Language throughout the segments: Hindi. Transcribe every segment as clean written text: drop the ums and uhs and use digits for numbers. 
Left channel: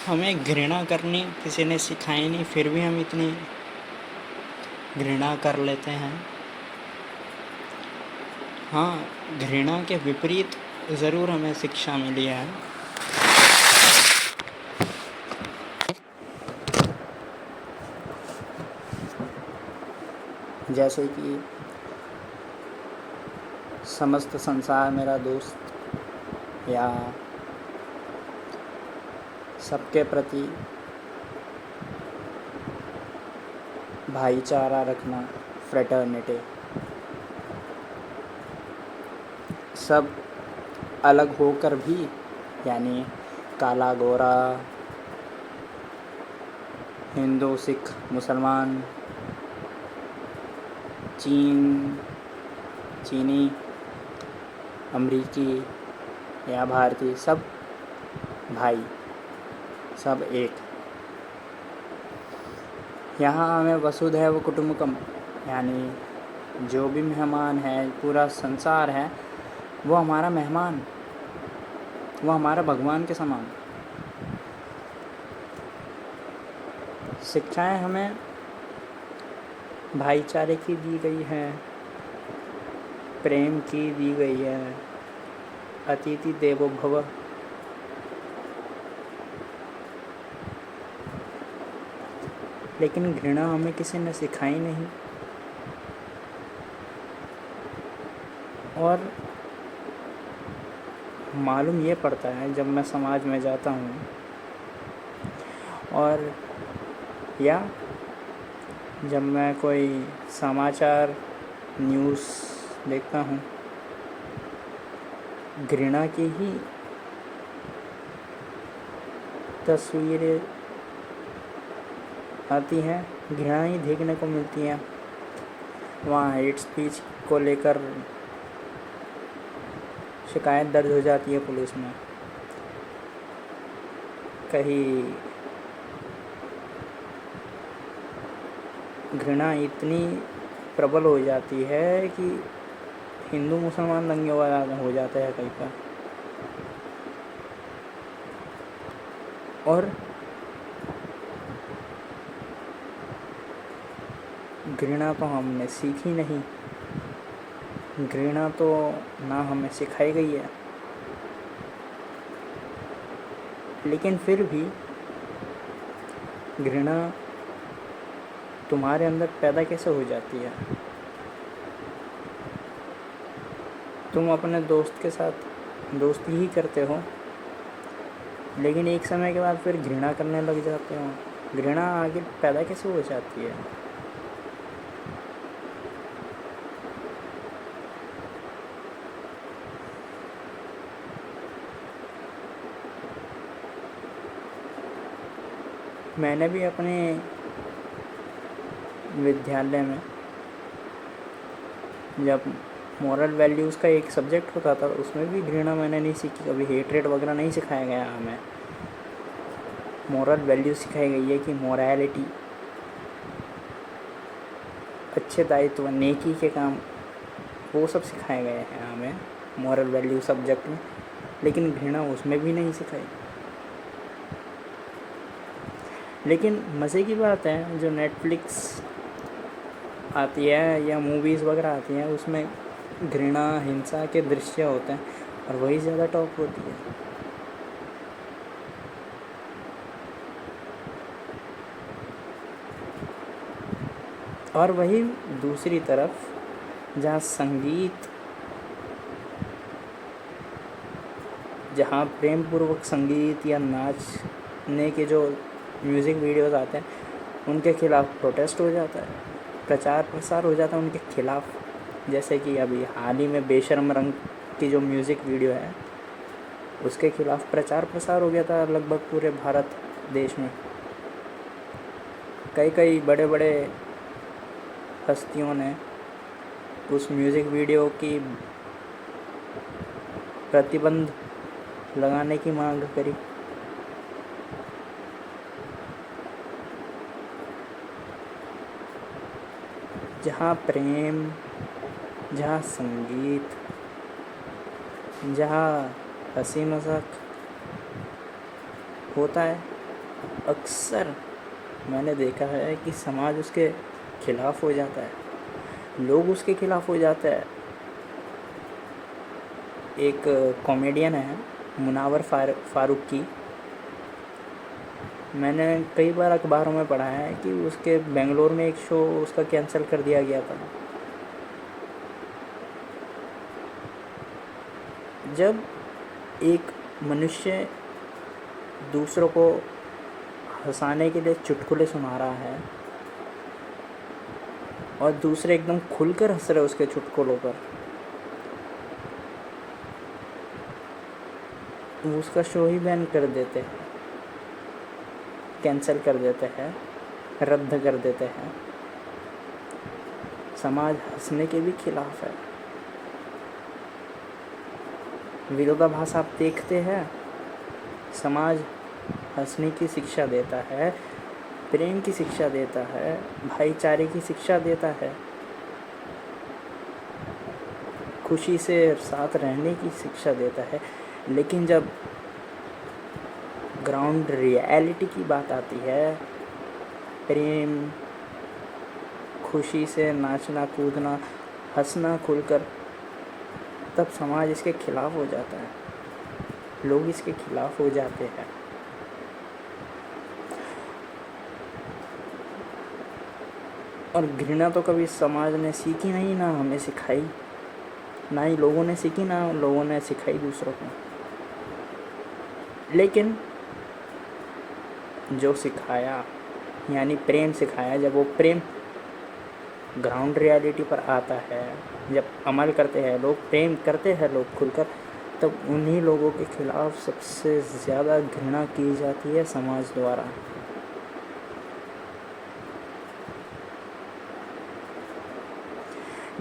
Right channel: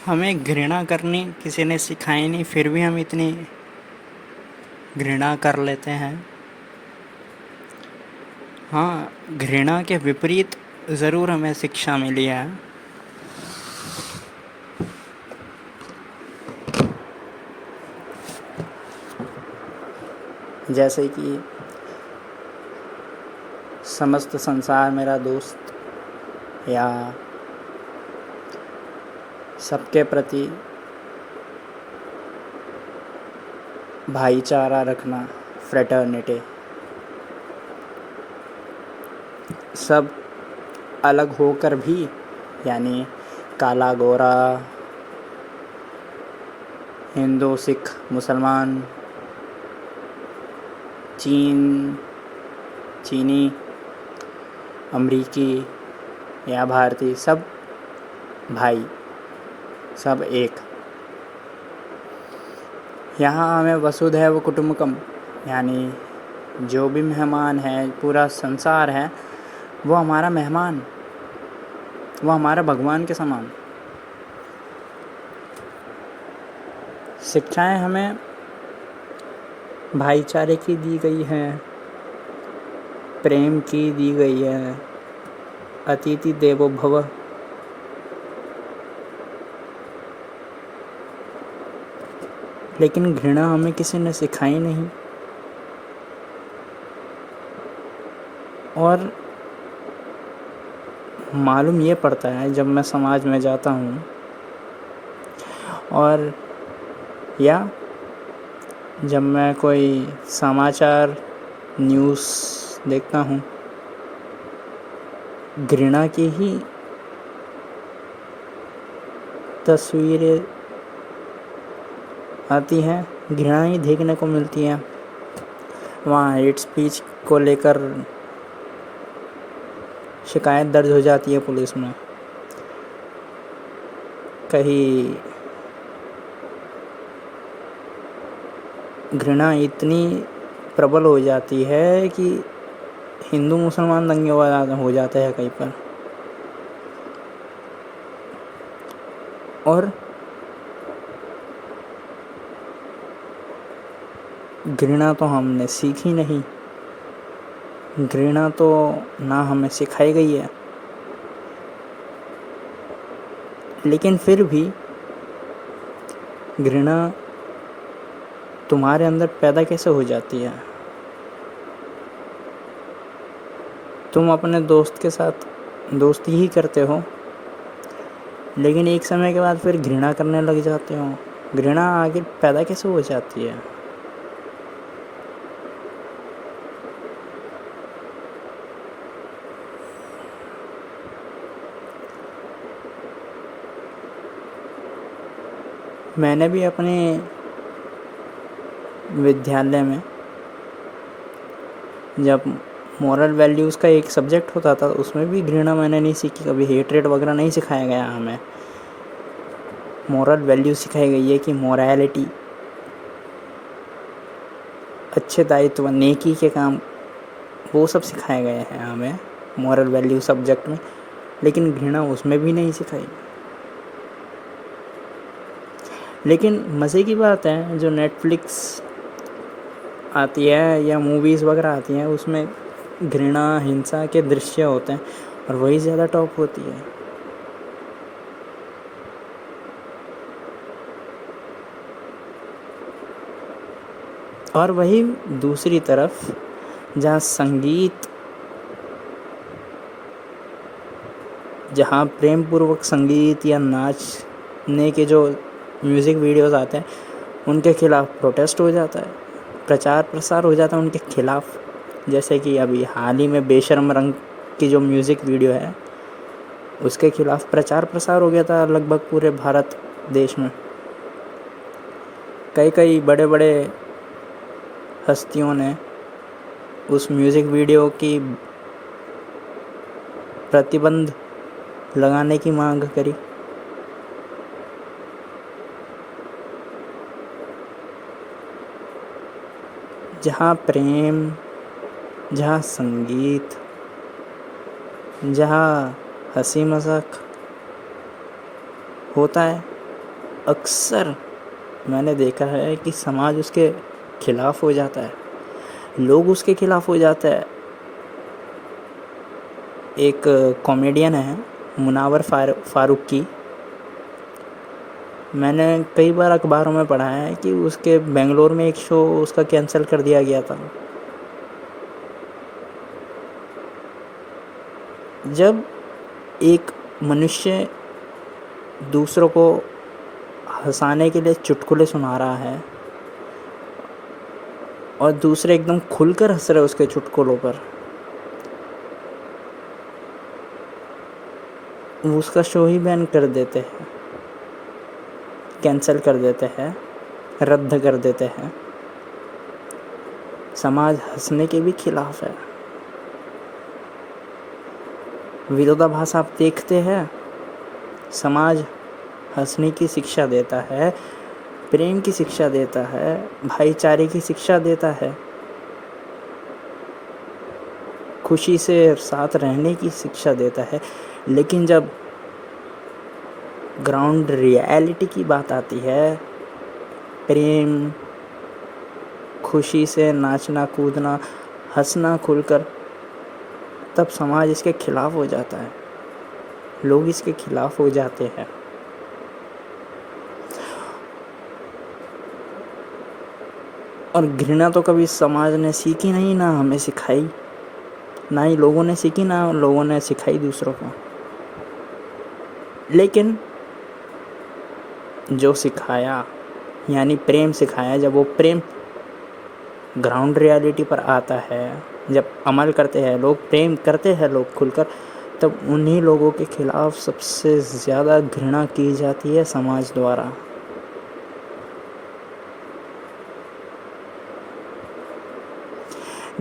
हमें घृणा करनी किसी ने सिखाई नहीं, फिर भी हम इतनी घृणा कर लेते हैं। हाँ, घृणा के विपरीत ज़रूर हमें शिक्षा मिली है। जैसे कि समस्त संसार मेरा दोस्त, या सबके प्रति भाईचारा रखना, फ्रेटर्निटी। सब अलग होकर भी, यानी काला गोरा, हिंदू सिख मुसलमान, चीनी, अमरीकी या भारतीय, सब भाई, सब एक। यहाँ हमें वसुधैव कुटुम्बकम, यानी जो भी मेहमान है, पूरा संसार है, वो हमारा मेहमान, वो हमारा भगवान के समान। शिक्षाएं हमें भाईचारे की दी गई है, प्रेम की दी गई है, अतिथि देवो भव। लेकिन घृणा हमें किसी ने सिखाई नहीं। और मालूम ये पड़ता है जब मैं समाज में जाता हूँ, और या जब मैं कोई समाचार न्यूज़ देखता हूँ, घृणा की ही तस्वीरें आती हैं, घृणा ही देखने को मिलती है। वहाँ हेट स्पीच को लेकर शिकायत दर्ज हो जाती है पुलिस में। कहीं घृणा इतनी प्रबल हो जाती है कि हिंदू मुसलमान दंगे हो जाते हैं कहीं पर। और घृणा तो हमने सीखी नहीं, घृणा तो ना हमें सिखाई गई है। लेकिन फिर भी घृणा तुम्हारे अंदर पैदा कैसे हो जाती है? तुम अपने दोस्त के साथ दोस्ती ही करते हो, लेकिन एक समय के बाद फिर घृणा करने लग जाते हो। घृणा आगे पैदा कैसे हो जाती है? मैंने भी अपने विद्यालय में जब मॉरल वैल्यूज़ का एक सब्जेक्ट होता था, उसमें भी घृणा मैंने नहीं सीखी कभी। हेट्रेड वगैरह नहीं सिखाया गया हमें। मॉरल वैल्यू सिखाई गई है कि मोरालिटी, अच्छे दायित्व, नेकी के काम, वो सब सिखाए गए हैं हमें मॉरल वैल्यू सब्जेक्ट में। लेकिन घृणा उसमें भी नहीं सिखाई। लेकिन मज़े की बात है, जो नेटफ्लिक्स आती है या मूवीज़ वगैरह आती हैं, उसमें घृणा, हिंसा के दृश्य होते हैं, और वही ज़्यादा टॉप होती है। और वही दूसरी तरफ जहाँ संगीत, जहाँ प्रेम पूर्वक संगीत या नाचने के जो म्यूज़िक वीडियोस आते हैं, उनके खिलाफ प्रोटेस्ट हो जाता है, प्रचार प्रसार हो जाता है उनके खिलाफ। जैसे कि अभी हाल ही में बेशर्म रंग की जो म्यूज़िक वीडियो है, उसके खिलाफ प्रचार प्रसार हो गया था लगभग पूरे भारत देश में। कई बड़े बड़े हस्तियों ने उस म्यूज़िक वीडियो की प्रतिबंध लगाने की मांग करी। जहाँ प्रेम, जहाँ संगीत, जहाँ हंसी मजाक होता है, अक्सर मैंने देखा है कि समाज उसके खिलाफ हो जाता है, लोग उसके खिलाफ हो जाते हैं। एक कॉमेडियन है मुनावर फारूकी, मैंने कई बार अखबारों में पढ़ा है कि उसके बेंगलोर में एक शो उसका कैंसिल कर दिया गया था। जब एक मनुष्य दूसरों को हंसाने के लिए चुटकुले सुना रहा है और दूसरे एकदम खुलकर हंस रहे उसके चुटकुलों पर, उसका शो ही बैन कर देते हैं, कैंसिल कर देते हैं, रद्द कर देते हैं। समाज हंसने के भी खिलाफ है। विरोधाभास आप देखते हैं। समाज हंसने की शिक्षा देता है, प्रेम की शिक्षा देता है, भाईचारे की शिक्षा देता है, खुशी से साथ रहने की शिक्षा देता है। लेकिन जब ग्राउंड रियलिटी की बात आती है, प्रेम, खुशी से नाचना कूदना, हंसना खुलकर, तब समाज इसके खिलाफ हो जाता है, लोग इसके खिलाफ हो जाते हैं। और घृणा तो कभी समाज ने सीखी नहीं, ना हमें सिखाई, ना ही लोगों ने सीखी, ना लोगों ने सिखाई दूसरों को। लेकिन जो सिखाया यानी प्रेम सिखाया, जब वो प्रेम ग्राउंड रियलिटी पर आता है, जब अमल करते हैं लोग, प्रेम करते हैं लोग खुलकर, तब उन्हीं लोगों के खिलाफ सबसे ज़्यादा घृणा की जाती है समाज द्वारा।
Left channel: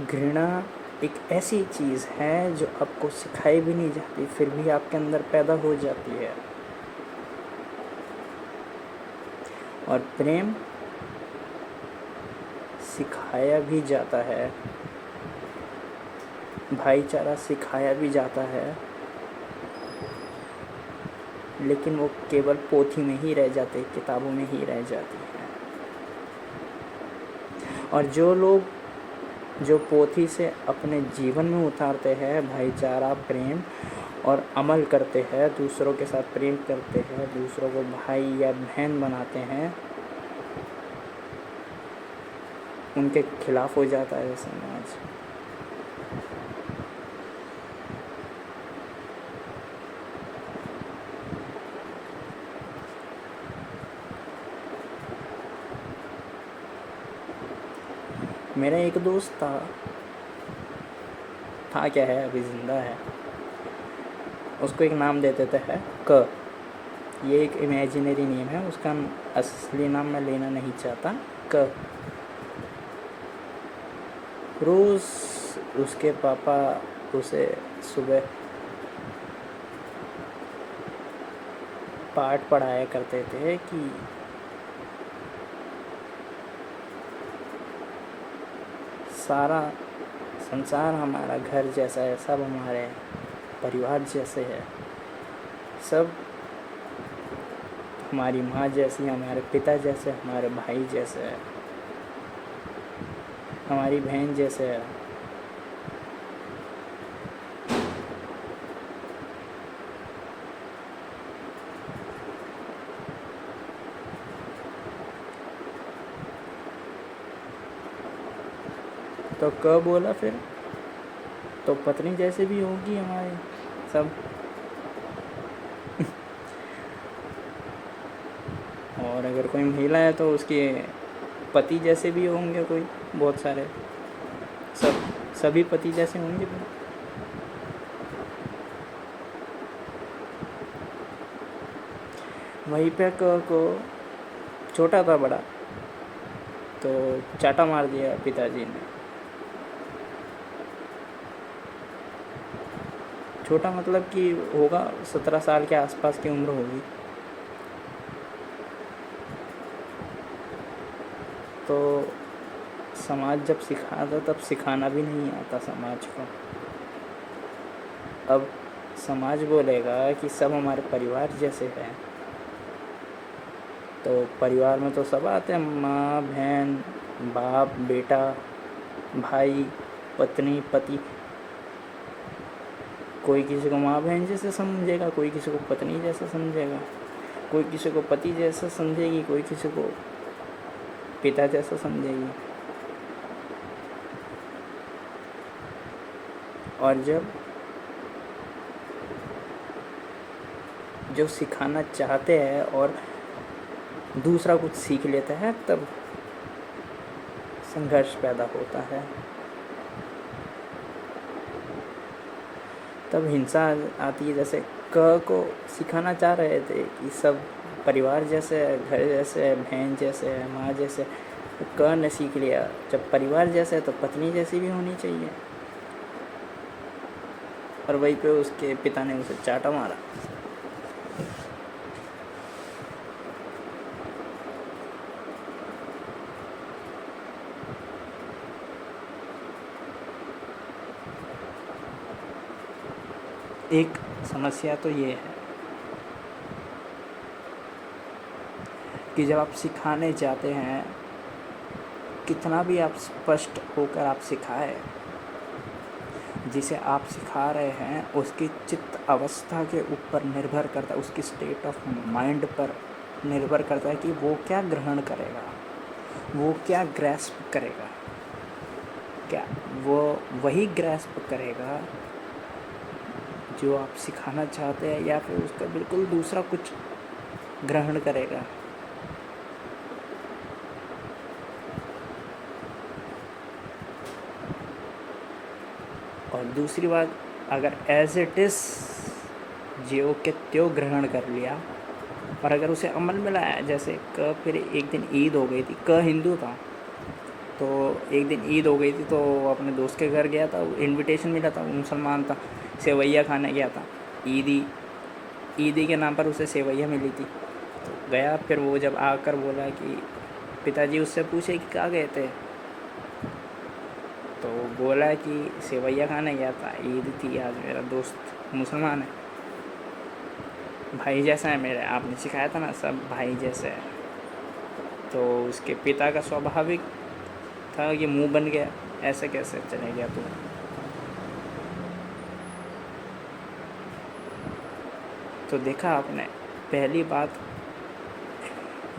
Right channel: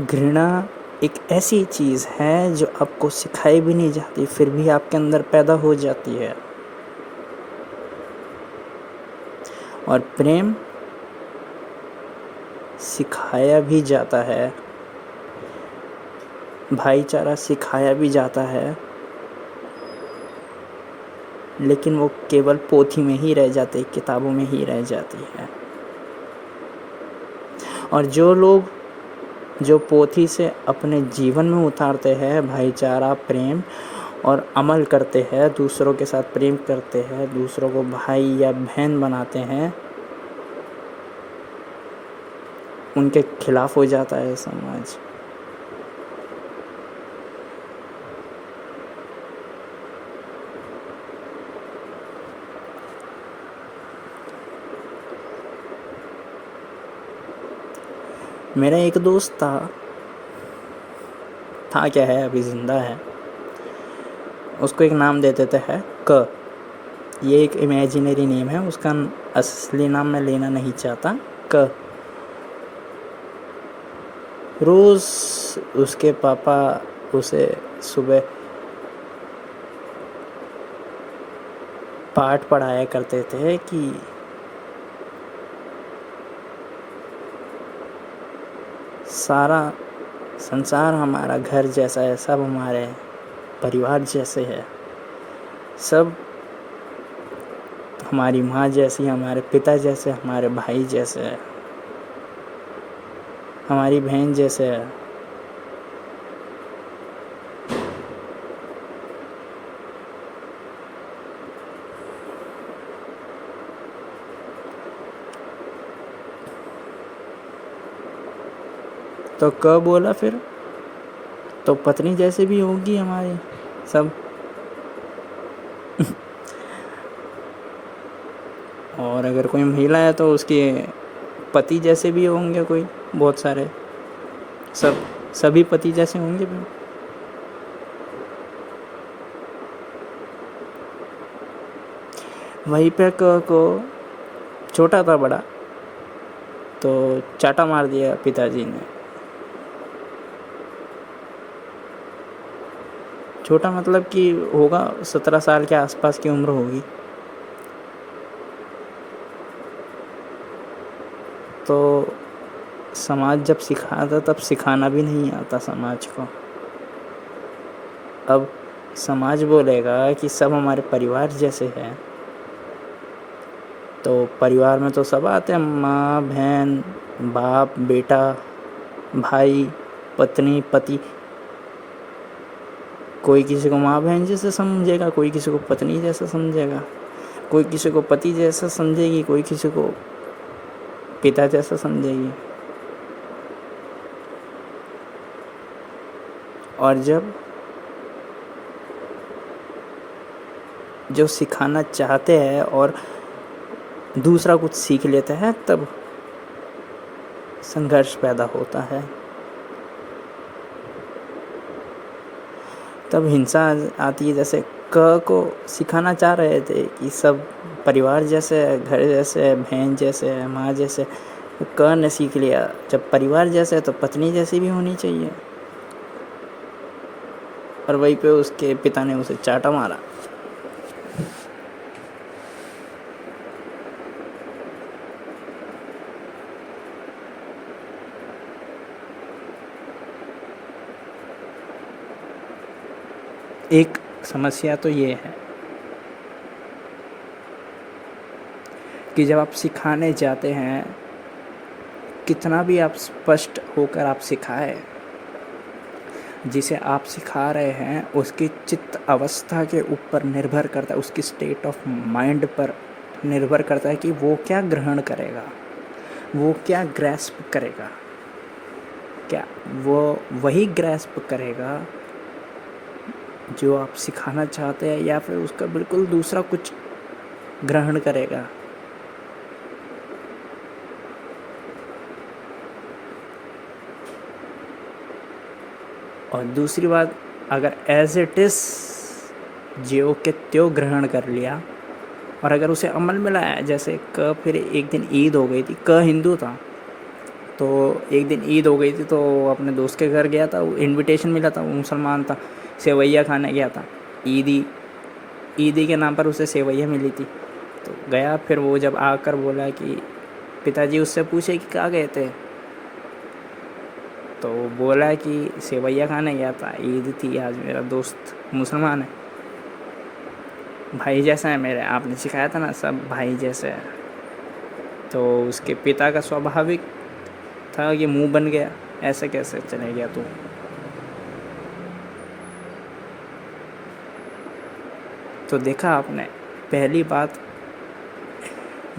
घृणा एक ऐसी चीज़ है जो आपको सिखाई भी नहीं जाती, फिर भी आपके अंदर पैदा हो जाती है। और प्रेम सिखाया भी जाता है, भाईचारा सिखाया भी जाता है, लेकिन वो केवल पोथी में ही रह जाते, किताबों में ही रह जाती है। और जो लोग जो पोथी से अपने जीवन में उतारते हैं भाईचारा, प्रेम और अमल करते हैं, दूसरों के साथ प्रेम करते हैं, दूसरों को भाई या बहन बनाते हैं, उनके खिलाफ हो जाता है समाज। मेरा एक दोस्त था क्या है, अभी ज़िंदा है, उसको एक नाम दे देते हैं क। ये एक इमेजिनरी नेम है, उसका असली नाम मैं लेना नहीं चाहता। क। रोज़ उसके पापा उसे सुबह पाठ पढ़ाया करते थे कि सारा संसार हमारा घर जैसा है, सब हमारे परिवार जैसे है, सब हमारी माँ जैसी, हमारे पिता जैसे, हमारे भाई जैसे है, हमारी बहन जैसे है। तो क बोला फिर तो पत्नी जैसे भी होगी हमारी सब। और अगर कोई महिला है तो उसके पति जैसे भी होंगे कोई, बहुत सारे, सभी पति जैसे होंगे भी। वहीं पे क को छोटा था बड़ा, तो चाटा मार दिया पिताजी ने। छोटा मतलब कि होगा 17 साल के आसपास की उम्र होगी। तो समाज जब सिखाता तब सिखाना भी नहीं आता समाज को। अब समाज बोलेगा कि सब हमारे परिवार जैसे हैं, तो परिवार में तो सब आते हैं, माँ बहन बाप बेटा भाई पत्नी पति। कोई किसी को माँ बहन जैसे समझेगा, कोई किसी को पत्नी जैसा समझेगा, कोई किसी को पति जैसा समझेगी, कोई किसी को पिता जैसा समझेगी। और जब जो सिखाना चाहते हैं और दूसरा कुछ सीख लेता है तब संघर्ष पैदा होता है, तब हिंसा आती है। जैसे क को सिखाना चाह रहे थे कि सब परिवार जैसे है, घर जैसे है, बहन जैसे है, माँ जैसे, वो क ने सीख लिया। जब परिवार जैसे है तो पत्नी जैसी भी होनी चाहिए, और वहीं पे उसके पिता ने उसे चाटा मारा। एक समस्या तो ये है कि जब आप सिखाने जाते हैं, कितना भी आप स्पष्ट होकर आप सिखाए, जिसे आप सिखा रहे हैं उसकी चित्त अवस्था के ऊपर निर्भर करता है, उसकी स्टेट ऑफ माइंड पर निर्भर करता है कि वो क्या ग्रहण करेगा, वो क्या ग्रैस्प करेगा। क्या वो वही ग्रैस्प करेगा जो आप सिखाना चाहते हैं, या फिर उसका बिल्कुल दूसरा कुछ ग्रहण करेगा। और दूसरी बात, अगर एज इट इज़ ज्यों के त्यों ग्रहण कर लिया और अगर उसे अमल में लाया, जैसे फिर एक दिन ईद हो गई थी, हिंदू था, तो एक दिन ईद हो गई थी तो अपने दोस्त के घर गया था, वो इनविटेशन मिला था, वो मुसलमान था, सेवैया खाने गया था। ईदी के नाम पर उसे सेवैया मिली थी, तो गया। फिर वो जब आकर बोला कि पिताजी उससे पूछे कि कहाँ गए थे, तो बोला कि सेवैया खाने गया था, ईद थी आज, मेरा दोस्त मुसलमान है, भाई जैसा है मेरे, आपने सिखाया था ना सब भाई जैसे है। तो उसके पिता का स्वाभाविक था कि मुंह बन गया, ऐसे कैसे चले गया तू। तो देखा आपने, पहली बात,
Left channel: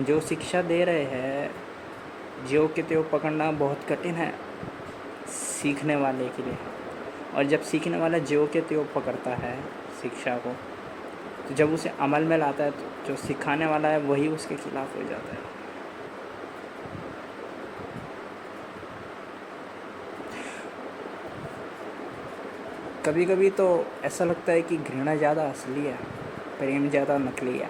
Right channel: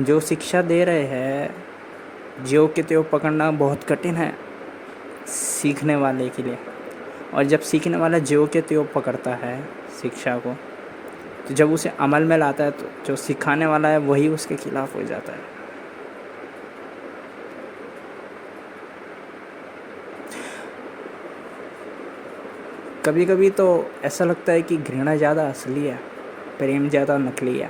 जो शिक्षा दे रहे हैं ज्यों के त्यों पकड़ना बहुत कठिन है सीखने वाले के लिए। और जब सीखने वाला ज्यों के त्यों पकड़ता है शिक्षा को, तो जब उसे अमल में लाता है तो जो सिखाने वाला है वही उसके खिलाफ हो जाता है। कभी कभी तो ऐसा लगता है कि घृणा ज़्यादा असली है, प्रेम ज़्यादा नकली है।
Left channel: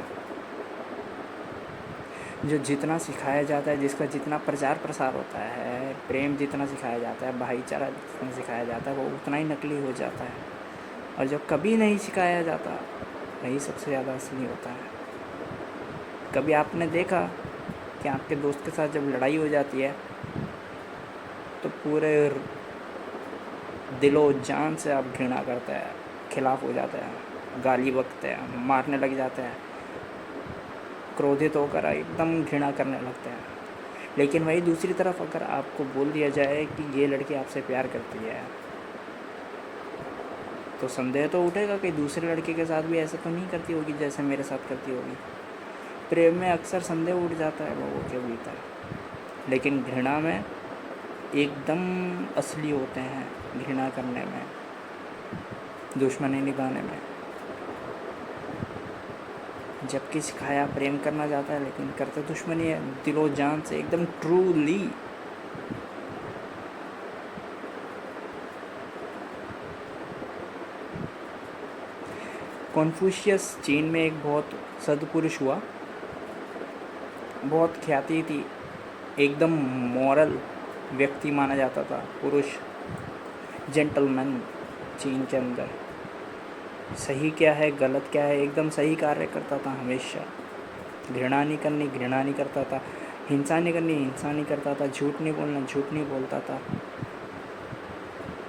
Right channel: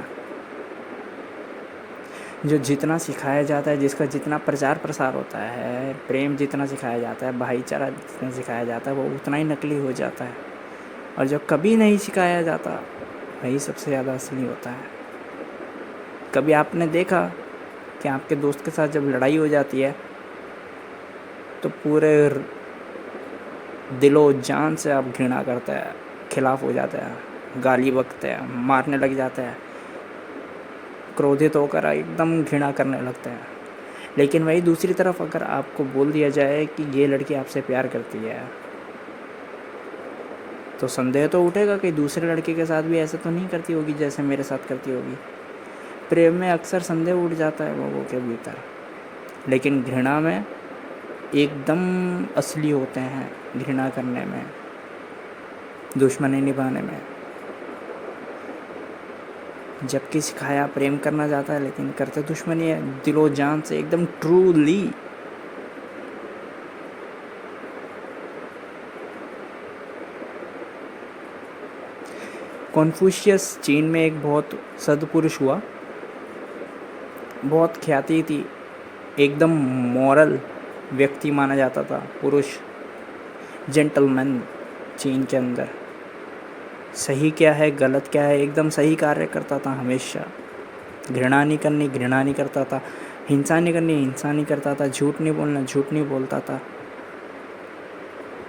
जो जितना सिखाया जाता है, जिसका जितना प्रचार प्रसार होता है, प्रेम जितना सिखाया जाता है, भाईचारा जितना सिखाया जाता है, वो उतना ही नकली हो जाता है। और जो कभी नहीं सिखाया जाता वही सबसे ज़्यादा असली होता है। कभी आपने देखा कि आपके दोस्त के साथ जब लड़ाई हो जाती है तो पूरे दिलो जान से आप घृणा करते हैं, खिलाफ हो जाते हैं, गाली बकते हैं, मारने लग जाते हैं, क्रोधित होकर एकदम घृणा करने लगते हैं। लेकिन वही दूसरी तरफ अगर आपको बोल दिया जाए कि ये लड़की आपसे प्यार करती है, तो संदेह तो उठेगा कि दूसरे लड़के के साथ भी ऐसा तो नहीं करती होगी जैसे मेरे साथ करती होगी। प्रेम में अक्सर संदेह उठ जाता है लोगों के भीतर, लेकिन घृणा में एकदम असली होते हैं, घृणा करने में, दुश्मनी निभाने में। जबकि सिखाया प्रेम करना चाहता है लेकिन करते दुश्मनी है, दिलो जान से, एकदम ट्रूली। कॉन्फ्यूशियस चीन में एक बहुत सद्पुरुष हुआ, बहुत ख्याति थी, एकदम मॉरल व्यक्ति माना जाता था, पुरुष, जेंटलमैन। चीन के अंदर सही क्या है गलत क्या है एकदम सही कार्य करता था हमेशा। घृणा नहीं करनी, घृणा नहीं करता था, हिंसा नहीं करनी, हिंसा नहीं करता था, झूठ नहीं बोलना, झूठ नहीं बोलता था।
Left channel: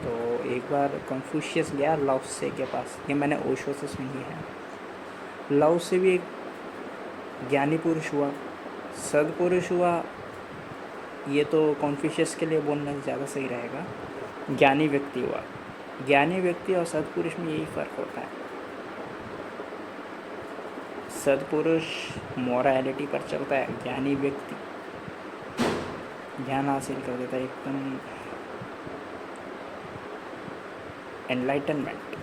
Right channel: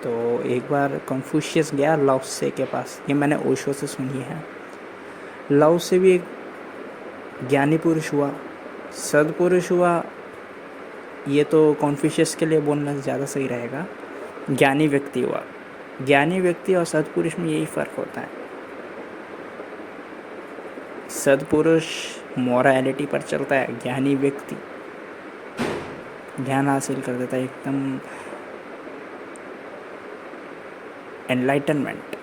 तो एक बार कन्फ्यूशियस गया लाओ त्से के पास, ये मैंने ओशो से सुनी है। लाओ त्से भी एक ज्ञानी पुरुष हुआ, सद्पुरुष हुआ, ये तो कॉन्फ्यूशियस के लिए बोलना ज़्यादा सही रहेगा। ज्ञानी व्यक्ति हुआ। ज्ञानी व्यक्ति और सद्पुरुष में यही फ़र्क होता है। सद्पुरुष मॉरलिटी पर चलता है, ज्ञानी व्यक्ति ज्ञान हासिल कर देता है, एकदम एनलाइटनमेंट।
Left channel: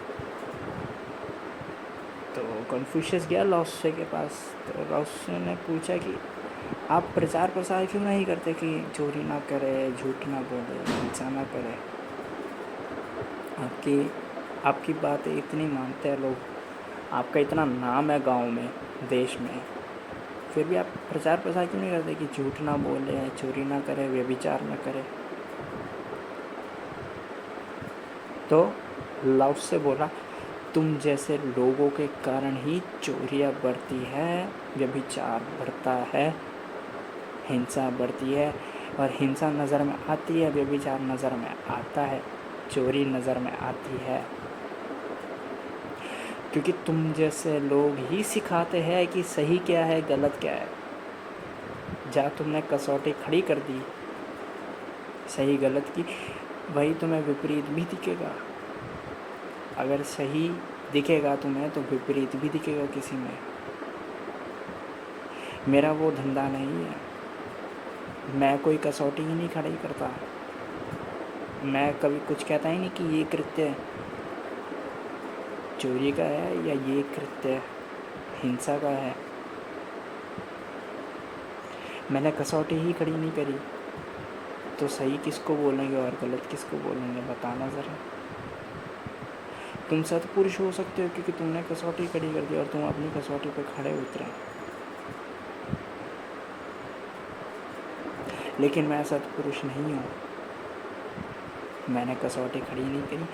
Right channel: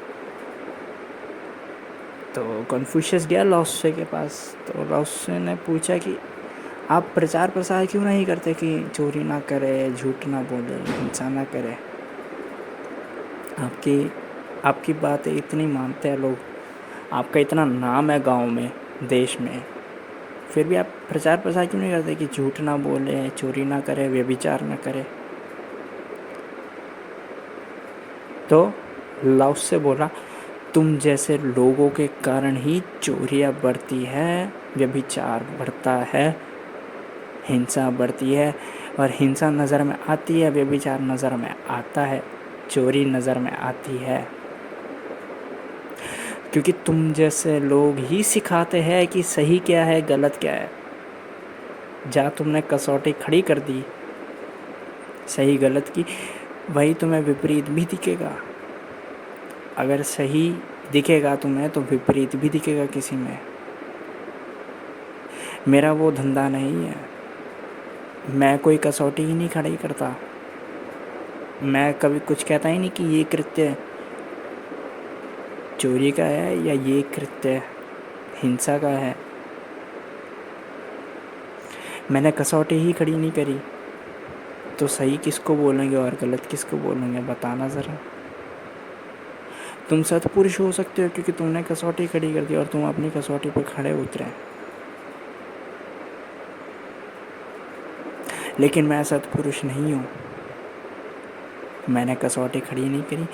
तो कन्फ्यूशियस गया लाओत्से के पास, तो लाओत्से ने पूछा कि आप प्रचार प्रसार क्यों नहीं करते कि चोरी ना करे, झूठ ना बोले, हिंसा ना करे। आपकी बातें इतनी मानते हैं लोग, आपका इतना नाम है गांव में, देश में, फिर भी आप प्रचार प्रसार क्यों नहीं करते कि झूठ ना बोले, चोरी ना करे, व्यभिचार ना करे। तो लाओत्से बोला, तुम जैसे लोगों के कारण ही चोरियाँ बढ़ती है, व्यभिचार बढ़ता है, हिंसा बढ़ती है, और हिंसा नज़र में आती है, व्यभिचार नज़र में आता है, चोरी नज़र में आती है, क्योंकि तुम जैसे लोग ही सिखाते हैं कि सही क्या है, गलत क्या है। जहाँ तुमने कसौटी खड़ी कर दी सही गलत की, वही तुम्हें विपरीत भी दिखेगा। अगर सही दिखेगा तुम्हें तो विपरीत भी दिखेगा किसी में। मेरा वो धंधा नहीं है, मैं कोई कसौटी ही नहीं खड़ी करता। मैं कभी कुछ कहता ही नहीं कि ये कृत्य चोरी का है या ये कृत्य हिंसा का है। मैंने कसौटी ही खड़ी नहीं करी, तो सही किसको बोलेंगे और गलत किसको बोलेंगे, बताना ज़रा। तुम सत्पुरुष हो सकते हो क्योंकि तुमने कसौटी खड़ी कर दी और तुम अपनी कसौटी पर खड़े उतरे, लेकिन मैं सत्पुरुष नहीं हूँ। मैंने कसौटी खड़ी नहीं करी,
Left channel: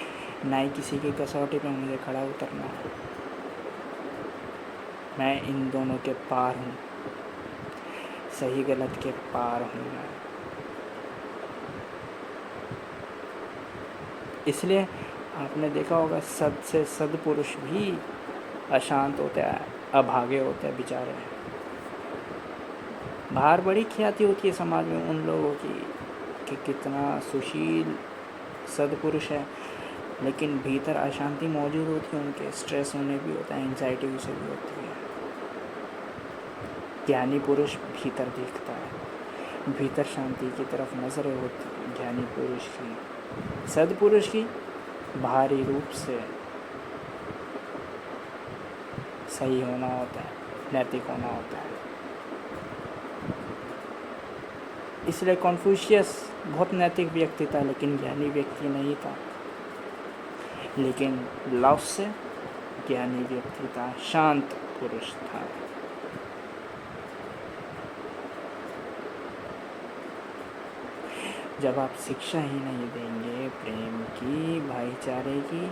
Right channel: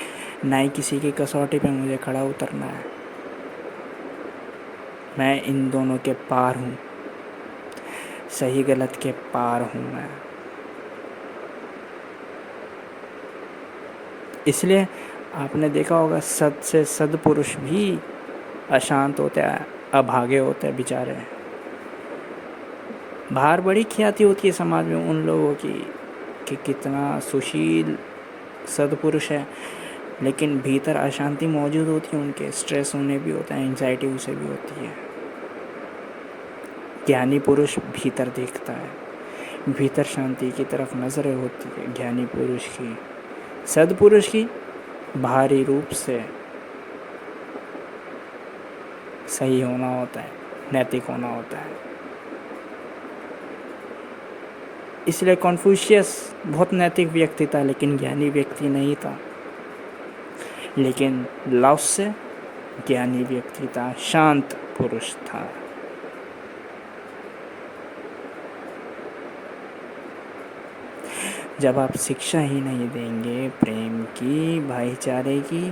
ना ही किसी की कसौटी पे मुझे खड़ा उतरना है। मैं इन दोनों के पार हूँ, सही गलत के पार हूँ मैं। इसलिए आपने देखा होगा सद से सद्पुरुष भी अशांत होते हैं, अभागे होते हैं बेचारे। बाहर बड़ी ख्याति होती है समाज में उन लोगों की कि कितना सुशील सद्पुरुष है, लेकिन भीतर अशांति मौजूद होती है उनके। स्ट्रेस उन्हें भी होता है, एंजाइटी उसे भी होती है। ज्ञानी पुरुष भीतर देखता है, भीतर शांति की तरफ नज़र होती है ज्ञानी पुरुष की। सद्पुरुष की बाहरी रूप से सही होना होता है, नैतिक होना होता है। इसलिए कन्फ्यूशियस बहुत नैतिक व्यक्ति था, लेकिन ज्ञानी व्यक्ति नहीं था। लेकिन लाओत्से ज्ञानी व्यक्ति था, शांत पुरुष था। जब आप शिक्षा ही नहीं देंगे प्रेम की, भाईचारे की,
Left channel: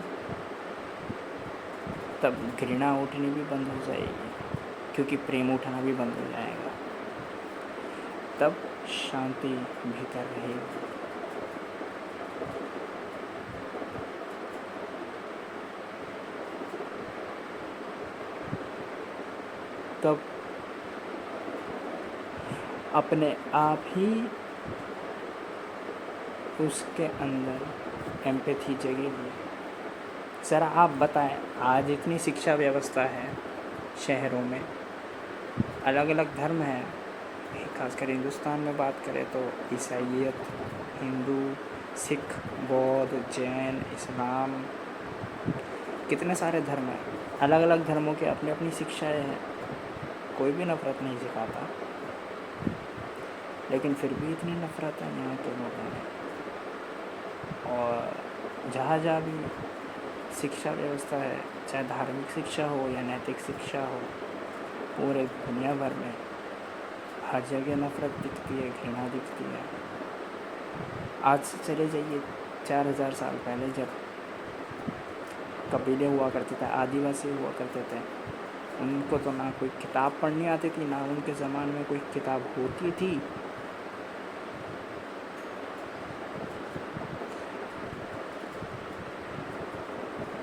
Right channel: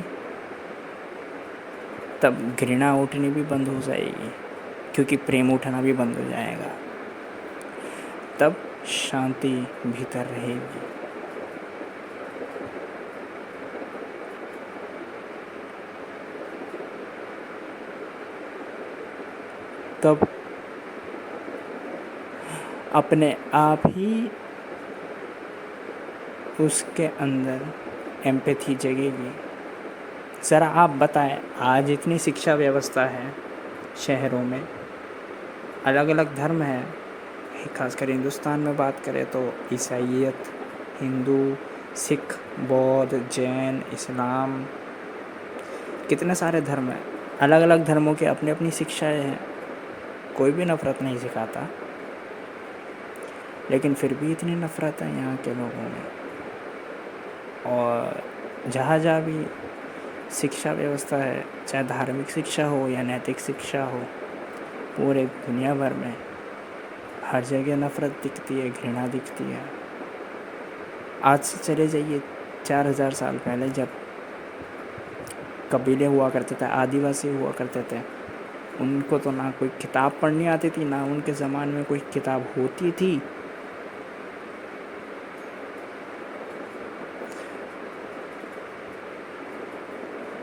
तब घृणा उठनी भी बंद हो जाएगी, क्योंकि प्रेम उठना भी बंद हो जाएगा। तब शांति भीतर रहेगी। तब अपने आप ही उसके अंदर एम्पैथी जगेगी। ज़रा आप बताएं, आज इतनी शिक्षा व्यवस्था है शहरों में, अलग अलग धर्म है, खासकर हिंदुस्तान में बात करें तो ईसाईयत, हिंदू, सिख, बौद्ध, जैन, इस्लाम, कितने सारे धर्म हैं। अलग अलग धर्मों की अपनी अपनी शिक्षाएं हैं, कोई भी नफ़रत नहीं सिखाता, लेकिन फिर भी इतनी नफ़रत है यहाँ के लोगों में। और जहाँ जहाँ भी शिक्षा व्यवस्था है, चाहे धार्मिक शिक्षा हो या नैतिक शिक्षा हो, पूरे दुनिया भर में हर जगह नफ़रत दिखती है, घृणा दिखती है। आज से चले जाइए 4000 साल पहले, जब कबीले हुआ करते थे, आदिवासी हुआ करते थे, उनको तो ना कोई किताब पढ़नी आती थी, ना उनके ज़माने में कोई किताब होती थी।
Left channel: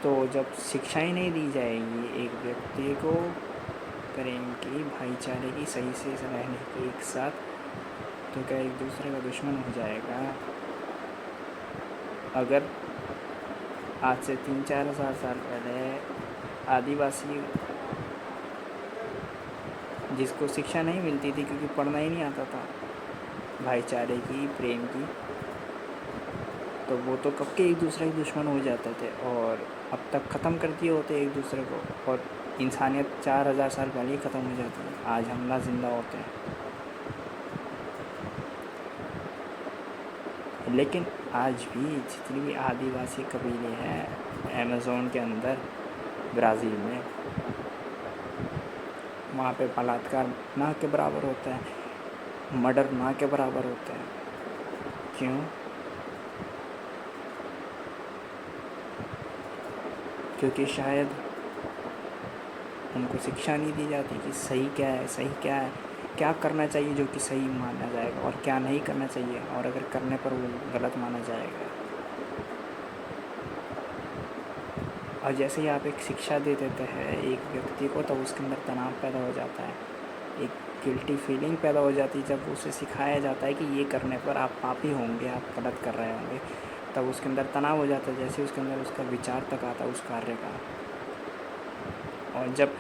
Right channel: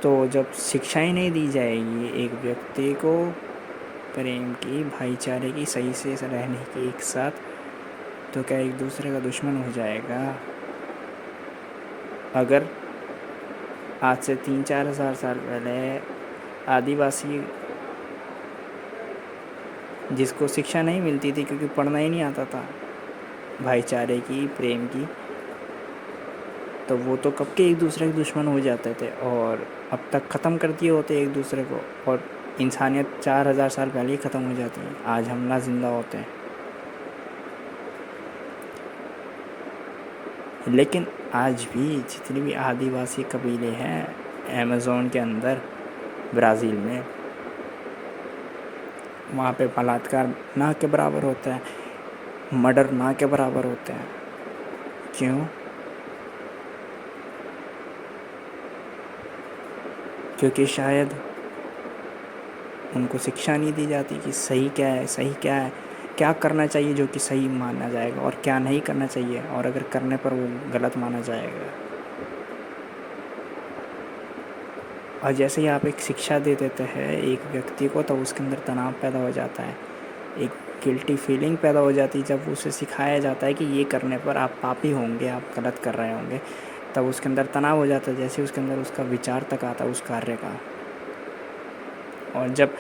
तो जब शिक्षा ही नहीं दी जाएगी एक व्यक्ति को, प्रेम की, भाईचारे की, सही से रहने की एक साथ, तो क्या एक दूसरे का दुश्मन हो जाएगा? अगर आज से 3-4 हज़ार साल पहले आदिवासी जिसको शिक्षा नहीं मिलती थी क्योंकि पढ़ना ही नहीं आता था भाईचारे की, प्रेम की, तो वो तो कब के एक दूसरे के दुश्मन हो जाते थे और अब तक ख़त्म कर दिए होते एक दूसरे को, और इंसानियत 4,000 साल पहले ही ख़त्म हो जाती है। आज हम ना जिंदा होते हैं। लेकिन आज भी जितनी भी आदिवासी कबीले हैं अमेज़न के अंदर, ब्राज़ील में, वहाँ पे बलात्कार ना के बराबर होता है, मर्डर ना के बराबर होते हैं। क्यों? क्योंकि शायद उनको शिक्षा नहीं दी जाती कि सही क्या है, सही क्या है, क्या करना चाहिए जो कि सही माना जाएगा और क्या नहीं करना चाहिए, और अगर करने पर वो गलत माना जाएगा। और जैसे ही आप एक शिक्षा दे देते हैं एक व्यक्ति को, तो उसके अंदर तनाव पैदा हो जाता है, एक गिल्टी फीलिंग पैदा हो जाती है। जब उसे सिखाया जाता है कि ये करने पर आप पापी होंगे, आप गलत कर रहे होंगे, तब उसके अंदर तनाव हो जाता है। जैसे उसके अंदर उसका विचार तक आता है उस कार्य का, और जब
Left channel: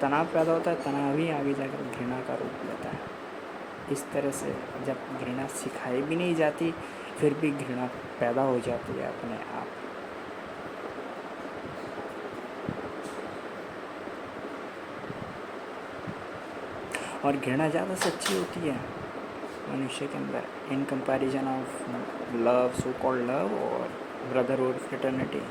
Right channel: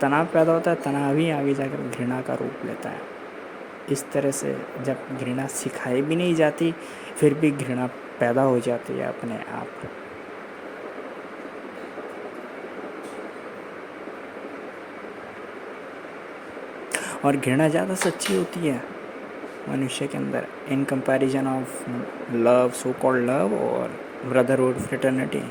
तनाव पैदा होता है, तनाव ही आगे जाकर घृणा का रूप लेता है। इस तरह से जब घृणा सिखाई भी नहीं जाती, फिर भी घृणा पैदा हो जाती है अपने आप। और घृणा ज़्यादा सच्ची होती है मनुष्य के अंदर in comparison of love, so called love और ब्रदरहुड, फ्रेटर्निटी।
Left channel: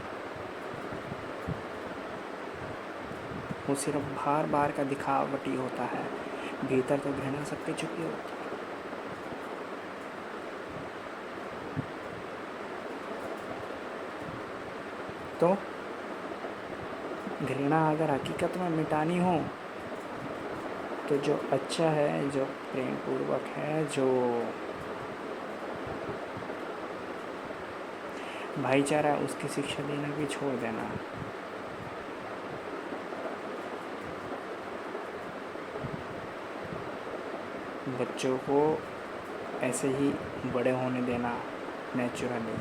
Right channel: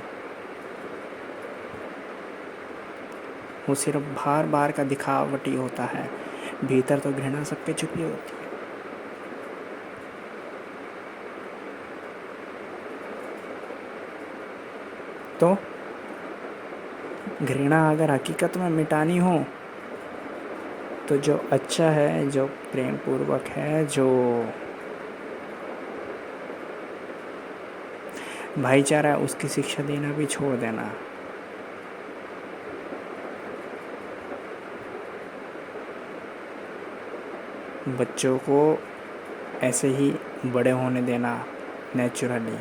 वो सिर्फ बाहर बाहर का दिखावटी होता है, भीतर तो घृणा सबके छुपी होती है। तो घृणा अगर हकीकत में मिटानी हो, तो जो अच्छा है, जो प्रेम पूर्वक है, जो भाईचारा है, उसकी शिक्षा देना भी छोड़ देना। बच्चों को ऐसे ही बड़े होने देना नेचुरली।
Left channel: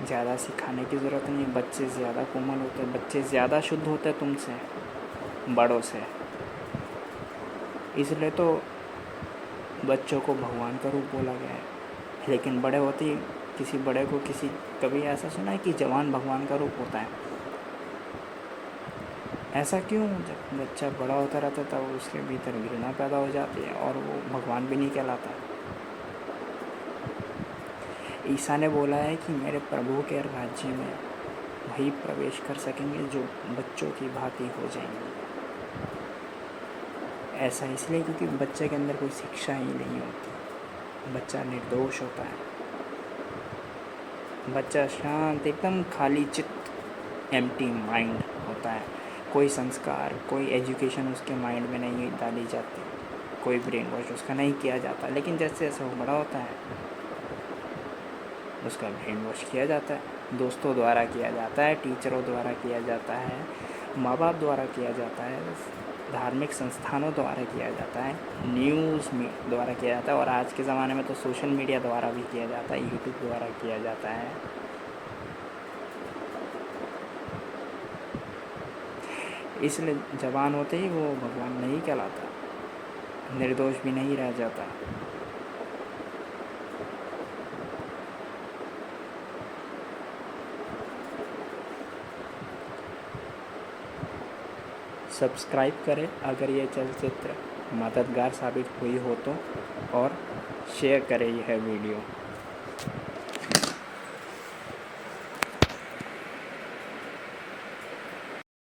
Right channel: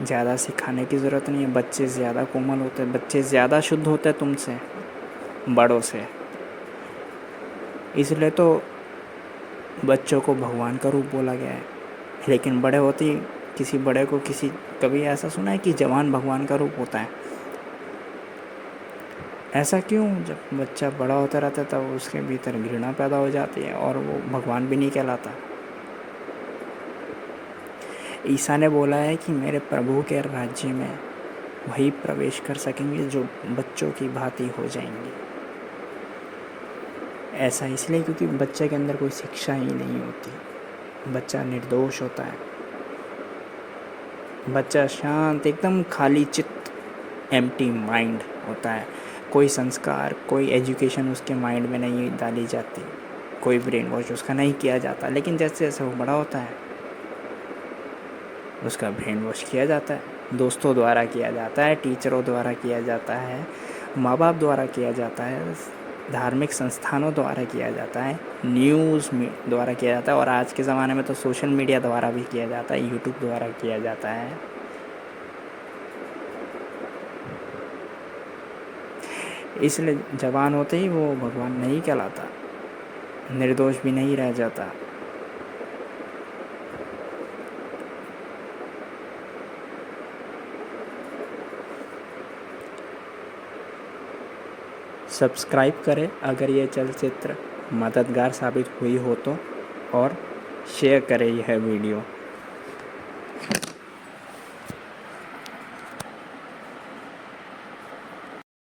ज़्यादा सिखाने की ज़रूरत नहीं है। बच्चे ज़्यादा कोमल होते हैं, बच्चे ज़्यादा शुद्ध होते हैं तुमसे, बड़ों से। इसलिए तो बच्चों को भगवान का रूप बोला गया है। लेकिन बड़े होते ही किसी बड़े को कभी ऐसा सुना है कि जवान भगवान का रूप होता है? ऐसा क्यों? जब बच्चा बड़ा होता रहता है तब उसके भीतर घृणा पैदा हो जाती है और वो भगवान भी नहीं कहलाता। ईसा ने बोला है कि मेरे प्रभु के राज्य में वही प्रवेश कर सकेंगे जो बच्चों की भांति हो जाएंगे। ऐसा इसलिए क्योंकि बच्चे के अंदर कोई शिक्षा ही नहीं होती। बच्चा निर्दोष होता है, बच्चा शांत, एकदम खाली चित्त, एम्प्टी माइंड होता है। कोई संस्कार, कोई एजुकेशन उसके माइंड में नहीं डाली जाती, कोई ब्रेन वॉश उसका नहीं किया जाता। लेकिन जैसे जैसे वो बड़ा होता है उसका ब्रेन वॉश किया जाता है, दोस्तों द्वारा किया जाता है, टीचरों द्वारा किया जाता है, माँ बाप द्वारा किया जाता है, धार्मिक संस्थानों द्वारा किया जाता है, न्यूज़ द्वारा किया जाता है, और आज के ज़माने में तो सोशल मीडिया द्वारा भी किया जाता है, यूट्यूब द्वारा किया जाता है। इसलिए जवान होते ही वो भगवान नहीं कहलाता, निर्दोष भी नहीं रह जाता। सब्सक्राइब करें अगर ये चलचित्र मददगार साबित हुई हो तो, और शेयर करें यह वीडियो।